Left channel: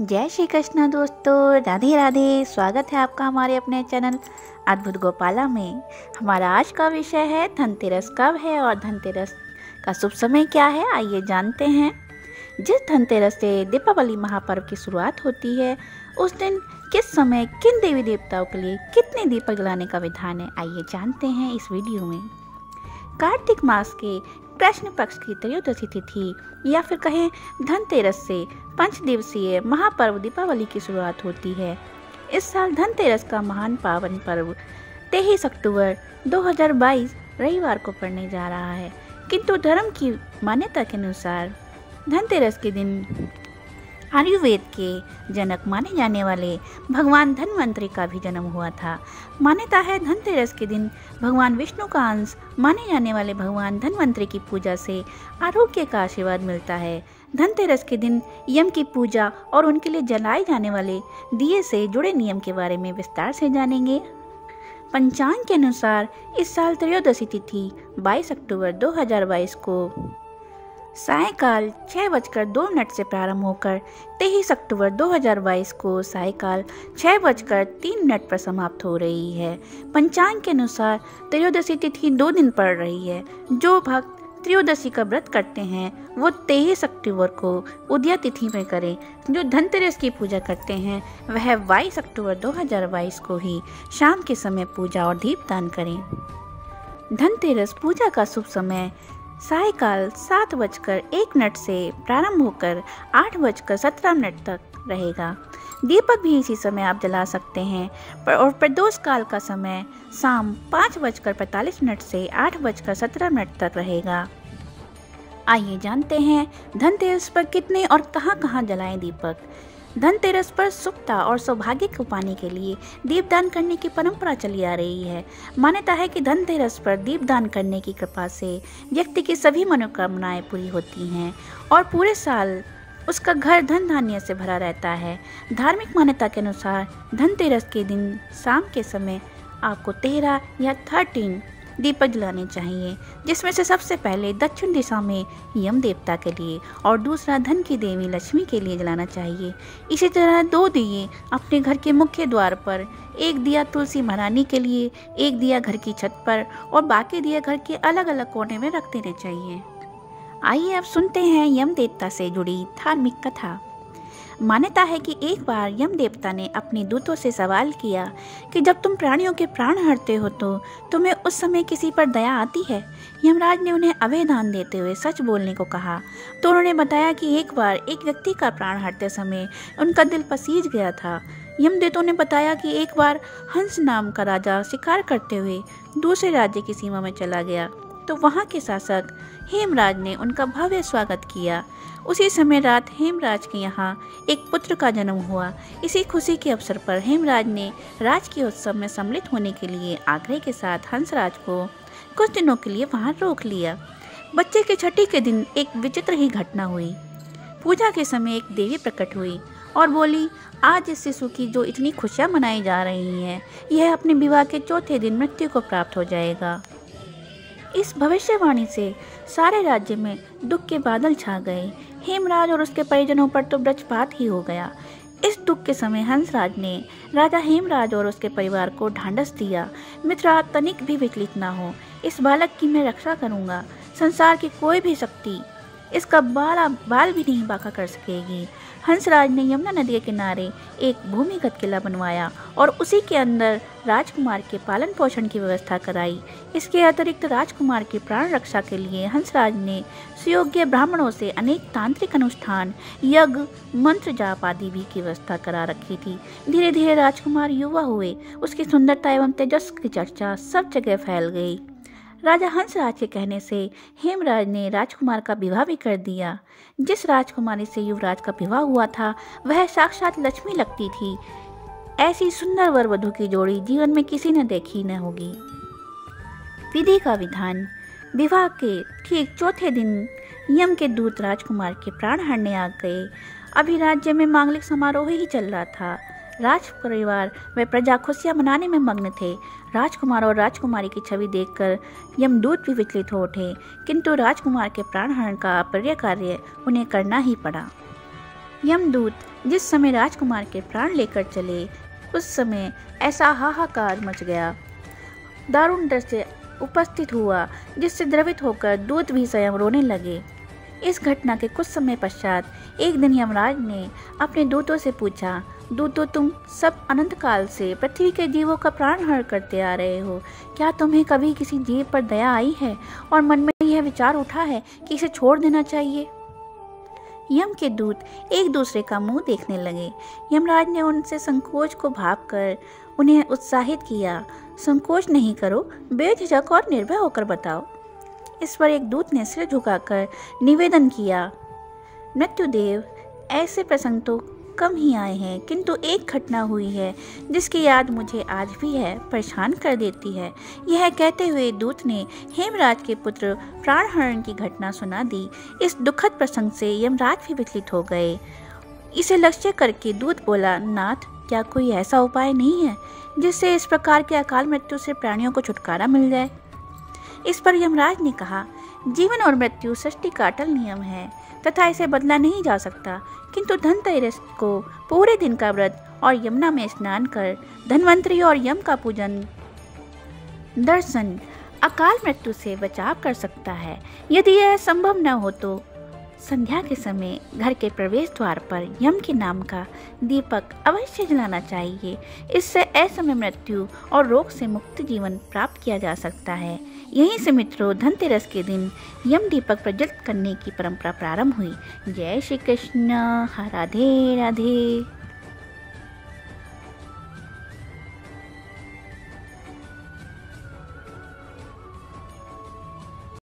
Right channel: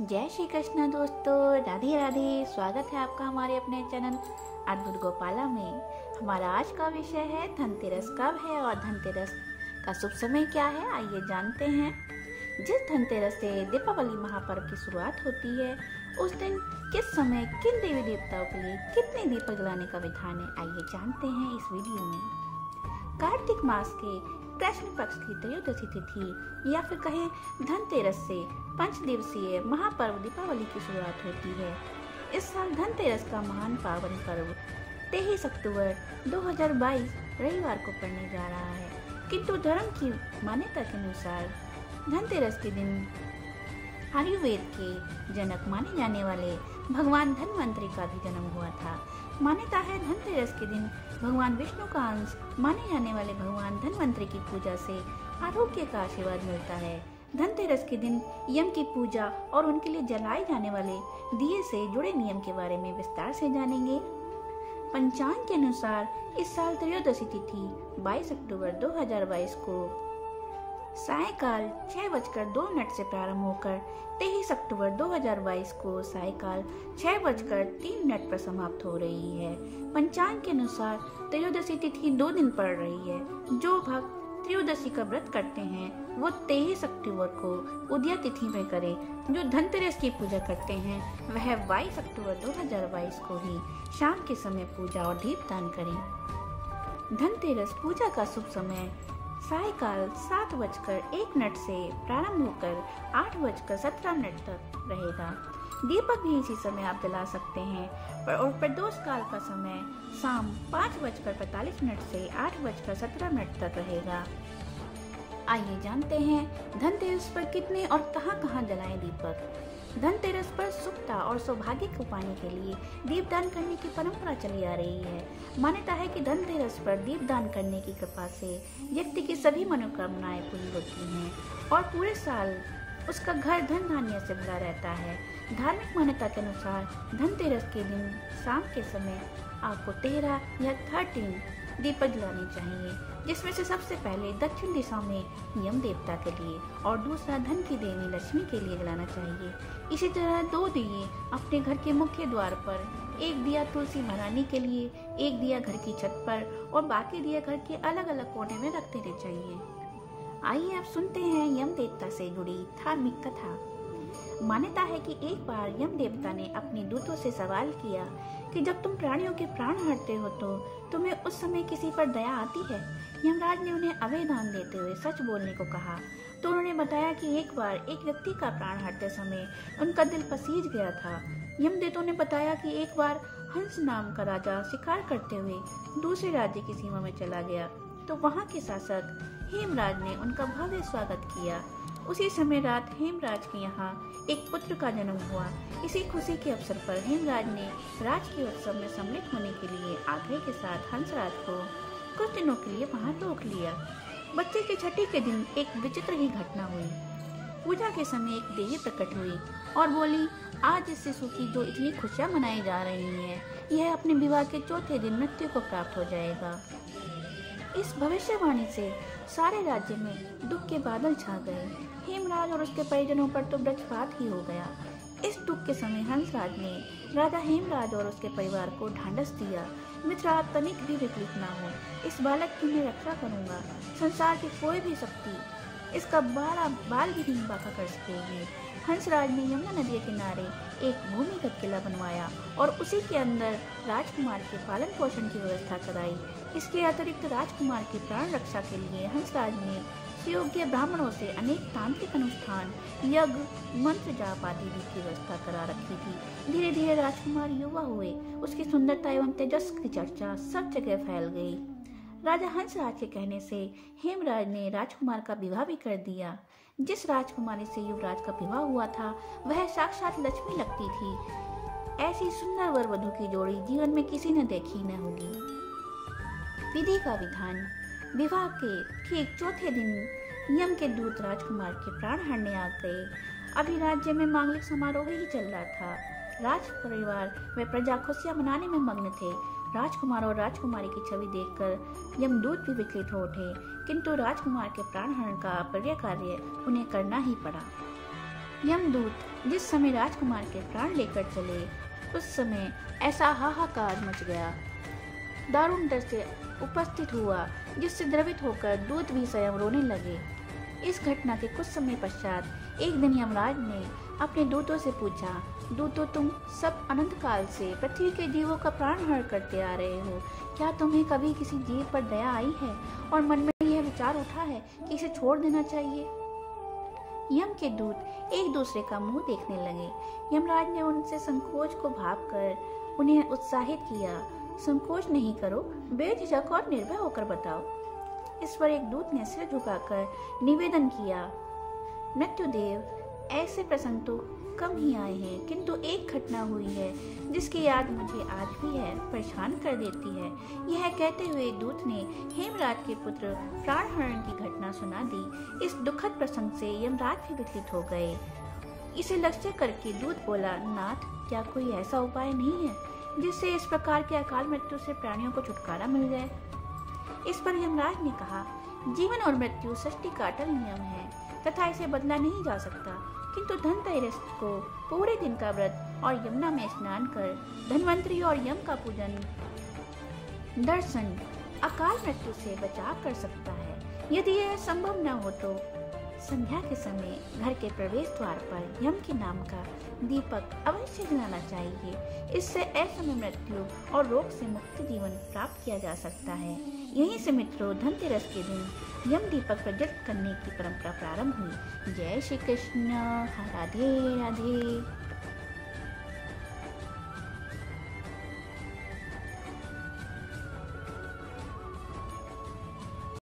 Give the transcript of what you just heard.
जय श्री कृष्ण दोस्तों, राधे राधे। स्वागत है आपका हमारे अपने चैनल अद्भुत गोपाला में। हमारा आज का विषय है धनतेरस कब है और धनतेरस का शुभ समय क्या है, आइए जानते हैं। जिस धनतेरस से दीपावली महापर्व की शुरुआत होती है, उस दिन किस समय किन देवी देवताओं के लिए कितने दीपक जलाने का विधान है, आइए जानते हैं इस वीडियो में। कार्तिक मास के कृष्ण पक्ष की त्रयोदशी तिथि या फिर कहें धनतेरस से 5 दिवसीय महापर्व दीपावली की शुरुआत होती है। इस साल धनतेरस का महान पावन पर्व 23 अक्टूबर 2022 रविवार को पड़ने जा रहा है, किंतु धर्म की मान्यता के अनुसार धनतेरस के दिन आयुर्वेद के जनक माने जाने वाले भगवान धन्वंतरि का भी जन्म हुआ था। मान्यता है धनतेरस के दिन भगवान विष्णु का अंश माने जाने वाले भगवान धन्वंतरि की पूजा से आरोग्य का आशीर्वाद मिलता है। धनतेरस के दिन यम की पूजा और उनके लिए जलाए जाने वाले दिए से जुड़े नियम के बारे में विस्तार से जानेंगे। पंचांग के अनुसार इस साल त्रयोदशी तिथि 22 अक्टूबर 2022 को सायकाल 6:02 से प्रारंभ होकर 23 अक्टूबर 2022 को सायकाल 6:03 पर समाप्त हो रही है। पंचांग के अनुसार त्रयोदशी तिथि 2 दिन पड़ रही है। जो भक्त त्रयोदशी का व्रत करते हैं वो 23 अक्टूबर को उदया तिथि में करें। जो धनतेरस की पूजा करते हैं वह 22 अक्टूबर 2022 को ही शाम के समय पूजा और दीपदान करें। धनतेरस पूजा का शुभ समय सायकाल 7:01 से प्रारंभ होकर 8:17 तक रहेगा। दीपक भी इसी समय आप जला सकते हैं और प्रदोष काल का समय शाम 5:45 से 8:17 तक रहेगा। आइए जानते हैं धनतेरस पर कितने और कहां जलाएं दीपक। धनतेरस पर सुखता और सौभाग्य को पाने के लिए दीपदान करने की परंपरा चली आ रही है। मान्यता है कि धनतेरस पर दीपदान करने की कृपा से व्यक्ति की सभी मनोकामनाएं पूरी होती हैं और पूरे साल उसका घर धन धान्य से भरा रहता है। धार्मिक मान्यता के अनुसार धनतेरस के दिन शाम के समय आपको 13 या 13 दीपक जलाने चाहिए, जिसमें से सबसे पहले दक्षिण दिशा में यम देवता के लिए और दूसरा धन की देवी लक्ष्मी के लिए जलाना चाहिए। इसी तरह 2 दिए अपने घर के मुख्य द्वार पर, एक दिया तुलसी महारानी के लिए, एक दिया घर की छत पर और बाकी दिया घर के अलग अलग कोने में रख देने चाहिए। आइए अब सुनते हैं यम देवता से जुड़ी धार्मिक कथा। मान्यता है कि एक बार यम देवता ने अपने दूतों से सवाल किया कि जब तुम प्राणियों के प्राण हरते हो तो तुम्हें उस समय किसी पर दया आती है। यमराज ने उन्हें अभय दान देते हुए सच बोलने को कहा तो उन्होंने बताया कि एक बार एक व्यक्ति का प्राण हरते समय उनका दिल पसीज गया था। यमदेवों ने बताया कि एक बार हंस नाम का राजा शिकार करते हुए दूसरे राज्य की सीमा में चला गया तो वहाँ के शासक हेमराज ने उनका भव्य स्वागत किया। उसी समय रात हेमराज के यहाँ एक पुत्र का जन्म हुआ। इसी खुशी के अवसर पर हेमराज ने राजकीय उत्सव में सम्मिलित होने के लिए आग्रह के साथ हंसराज को कुछ दिनों के लिए वहां रोक लिया। बच्चे की छठी के दिन एक विचित्र ही घटना हुई। पूजा के समय एक देवी प्रकट हुई और बोली, आज इस शिशु की जो इतनी खुशियां मनाई जा रही हैं, यह अपने विवाह के चौथे दिन मृत्यु को प्राप्त हो जाएगा। इस भविष्यवाणी से सारे राज्य में दुख के बादल छा गए। हेमराज और उसके परिजनों पर तो वज्रपात ही हो गया। इस दुख के समय हंसराज ने राजा हेमराज और उसके परिवार को ढांढस दिया, मित्र आप तनिक भी विचलित ना हो, इस बालक की मैं रक्षा करूंगा। संसार की कोई भी शक्ति इसका बाल भी नहीं बांका कर सकेगी। हंसराज ने यमुना नदी के किनारे एक भूमिगत किला बनवाया और उसी के अंदर राजकुमार के पालन पोषण की व्यवस्था कराई। इसके अतिरिक्त राजकुमार की प्राण रक्षा के लिए हंसराज ने सुयोग्य ब्राह्मणों से अनेक तांत्रिक अनुष्ठान, यज्ञ, मंत्र जाप आदि भी की व्यवस्था करा रखी थी। धीरे धीरे राजकुमार युवा हुए, उसकी सुंदरता एवं तेजस्वी की चर्चा सब जगह फैल गई। राजा हंसराज के कहने से हेमराज ने राजकुमार का विवाह भी कर दिया। जिस राजकुमारी से युवराज का विवाह हुआ था वह साक्षात लक्ष्मी लगती थी। ऐसी सुंदर वर वधू की जोड़ी जीवन में किसी ने देखी न होगी। विधि का विधान। विवाह के ठीक चौथे दिन यम के दूत राजकुमार के प्राण हरने आ गए। अभी राज्य में मांगलिक समारोह ही चल रहा था। राज परिवार व प्रजा खुशियां मनाने में मग्न थे। राजकुमार और राजकुमारी की छवि देखकर यमदूत भी विचलित हो उठे, किंतु राजकुमार के प्राणहरण का अप्रिय कार्य उन्हें करना ही पड़ा। यमदूत जिस समय राजकुमार के प्राण लेकर चले, उस समय ऐसा हाहाकार मच गया, दारुण दृश्य उपस्थित हुआ, जिससे द्रवित होकर दूत भी स्वयं रोने लगे। इस घटना के कुछ समय पश्चात एक दिन यमराज ने अपने दूतों से पूछा, दूतों, तुम सब अनंत काल से पृथ्वी के जीवों का प्राणहरण करते आ रहे हो, क्या तुम्हें कभी किसी जीव पर दया आई है और मन में यह विचार उठा है कि इसे छोड़ देना चाहिए? यम के दूत एक दूसरे का मुंह देखने लगे। यमराज ने उनसे संकोच को भांपकर उन्हें उत्साहित किया, संकोच नहीं करो, बेझिझक और निर्भय होकर बताओ। इस पर एक दूत ने सिर झुकाकर निवेदन किया, मृत्युदेव, ऐसे प्रसंग तो कम ही आए हैं, किंतु एक घटना हुई है जिसकी याद मुझे आज भी है परेशान कर देती है। यह कहते हुए दूत ने हेमराज के पुत्र प्राणहरण की घटना सुना दी। इस दुखद प्रसंग से यमराज भी विचलित हो गए। इसे लक्ष्य करके दूत बोला, नाथ, क्या कोई ऐसा उपाय नहीं है जिससे इस प्रकार के अकाल मृत्यु से प्राणियों को छुटकारा मिल जाए? इस पर यमराज ने कहा, जीवन और मृत्यु सृष्टि का अटल नियम है तथा इसे बदला नहीं जा सकता, किंतु धनतेरस को पूरे दिन का व्रत और यमुना में स्नान कर धन्वंतरी और यम का पूजन दर्शन अकाल मृत्यु से बचाव कर सकता है। यदि यह संभव न हो तो संध्या के समय घर के प्रवेश द्वार पर यम के नाम का दीपक अवश्य जलाना चाहिए। इससे असमय मृत्यु और रोग से मुक्त जीवन प्राप्त किया जा सकता है। यहीं से मित्रों धनतेरस के दिन यम दीपक प्रज्वलित करने की परंपरा प्रारंभ हुई। जय श्री कृष्ण। राधे राधे।